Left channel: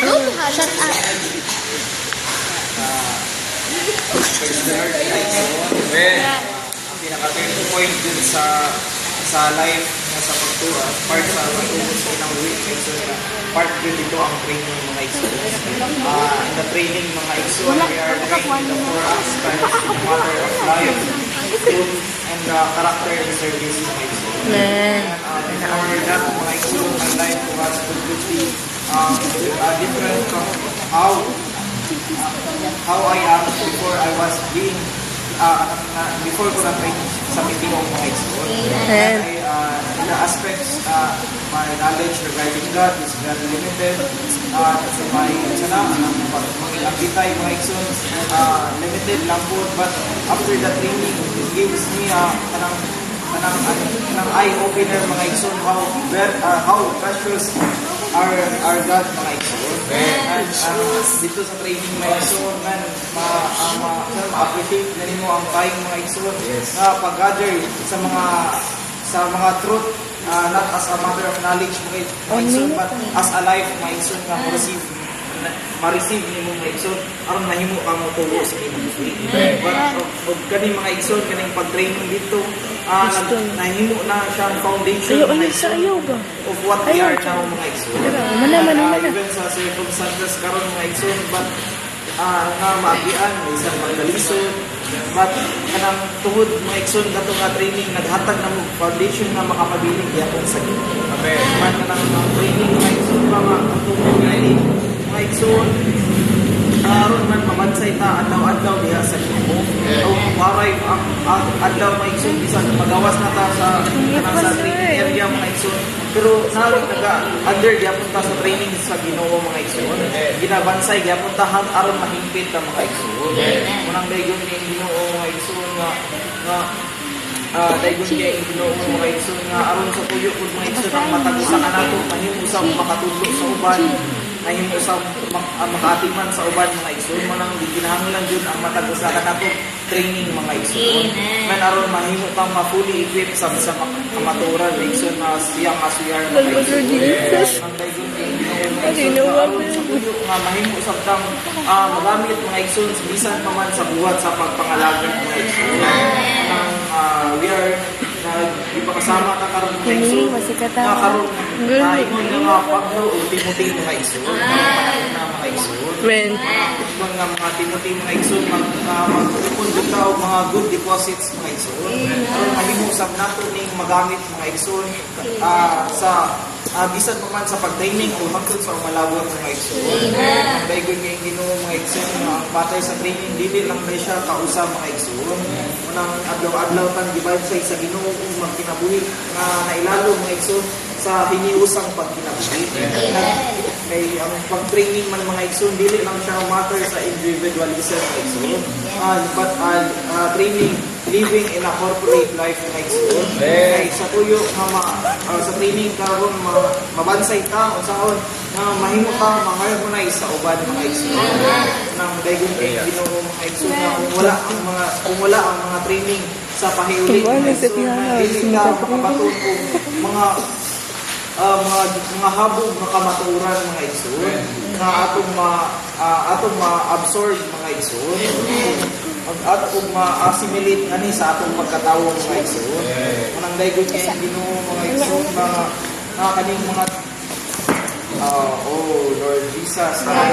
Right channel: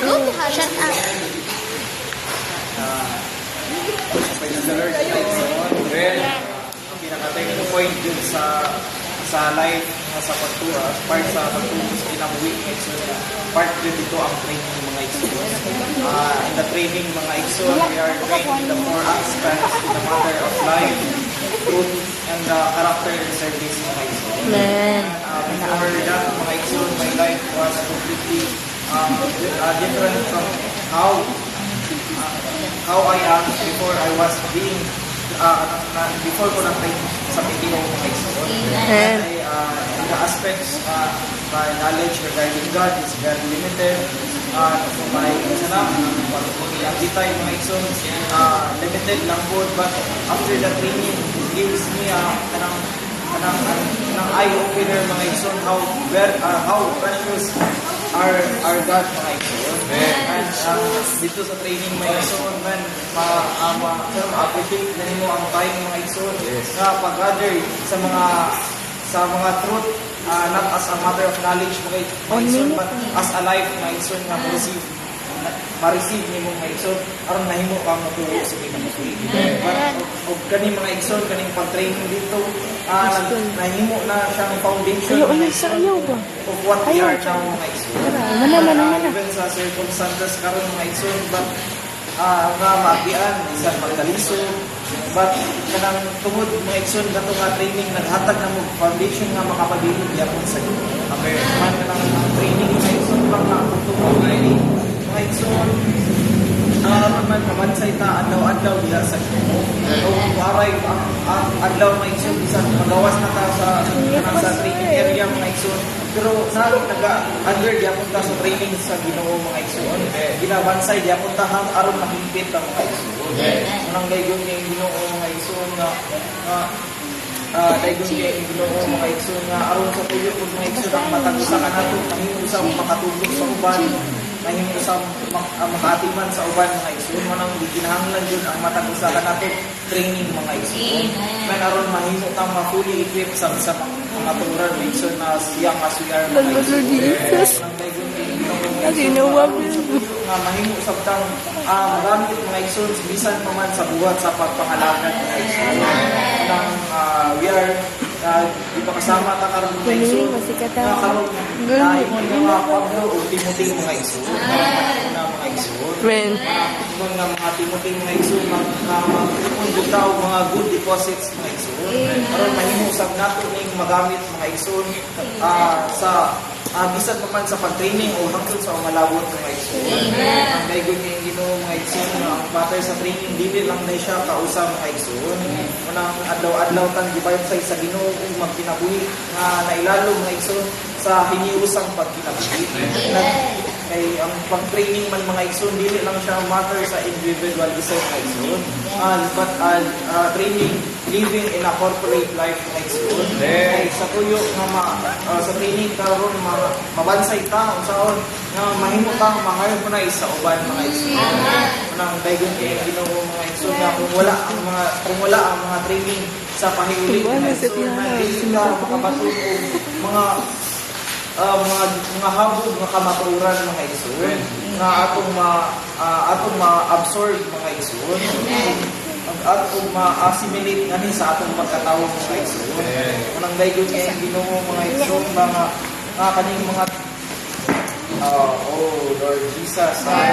Go to her. Shut up. Praise the Lord, well, ang pinaka-turning point dun sa life nga sa part sa pagtulong sa ilang week so part din dito ang training ng mga igsoon. In the training mga igsoon, we are trained in the 4 aspects in the matter of life, truth, and character and service ng mga igsoon. Before that, mga igsoon, my life was completely different from how I am before I was being before ko na-train sa PTO mga igsoon. The aspects, my knowledge regarding God is very limited. So my pag-agitay mga igsoon, limited lang po. But after the training, it gives me kanang eye-opener mga igsoon, how precious our God mga igsoon. And dito sa training mga igsoon, man, ma-appreciate na nimo ang time mga igsoon na pag-gather sa mga truth, not as a matter of knowledge mga igsoon, but as a life mga igsoon nga ma-receive nimo mga igsoon aron mahimo kang motulo sa imong but kani mga igsoon kaning pag-training dito nahimo na siyang foundation of what we are now mga igsoon. Even sa circumstances karon mga igsoon, but nga maagian isang magdalisod, but kanang tungod mga igsoon nato nga training naghatag ng foundation nga makapabiling gyapon sa Ginoo. Amen. Kanang training mga igsoon mga mga igsoon aron man mabansay ta adlaw-adlaw diha sa Ginoo. O waray ang adlaw mga igsoon bisan magawas na ta sa training area mga igsoon, pero naga-under gyapon ta sa training sa Ginoo mga igsoon. Ginabansay gyapon ta aron mahimpit ta mga igsoon. Unang dayon ni Ginoo mga igsoon nga dayon kay Ginoo mga igsoon nga aron sa tuyo pud mga igsoon ang matag-usa kanato mahimo sa makatulog sa uban, mahimo sa makatiman sa uban mga igsoon. Manang ginahanglan jud ang matag-usa kanato training mga igsoon nga aron mahimo kang ma-fully equipped sa kamaturan mga igsoon na siyang asuyar mga igsoon. Mahimo sa tang magamit mga igsoon bisan pa man sa buhat sa pagpangalaga mga igsoon. We are di pa kasama ka karon mga igsoon na karon mga pagno o Timothy mga igsoon na mga igsoon mga Timothy mga igsoon magpupun jud ta og mga good deposits mga igsoon aron mahimo sab nato ning magamit mga igsoon sa bisan pa man sa pag-training o hangtod sa umalawon mga igsoon. Kay gud kay Ginoo mga igsoon nga ang batay sa training dili lang na siya kausa mga igsoon. Unang adlaw-adlaw tan gibayad sa Ginoo ug magkinabuhi nga nailalo mga igsoon sa hiniusang pagkinabuhi. Kay ang pag-training man mga igsoon dili lang siya matter sa individualism mga igsoon. But training living in a corporate life mga igsoon. Sa tuyo nga sa training karon mabansay ta unsaon nga mahimo ta ma-harmonize sa uban mga igsoon. Nang dayon kay Ginoo mga igsoon nga kung wala ang mga training sa pahiuli mga igsoon dili ka makabaton mga habog nga kamaturan mga igsoon nga atong ma-absorb mga igsoon at kung ma-assimilate nga ni sa atong pagkatawo mga igsoon. Nang dayon kay Ginoo mga igsoon nga kaning mga Lord Jesus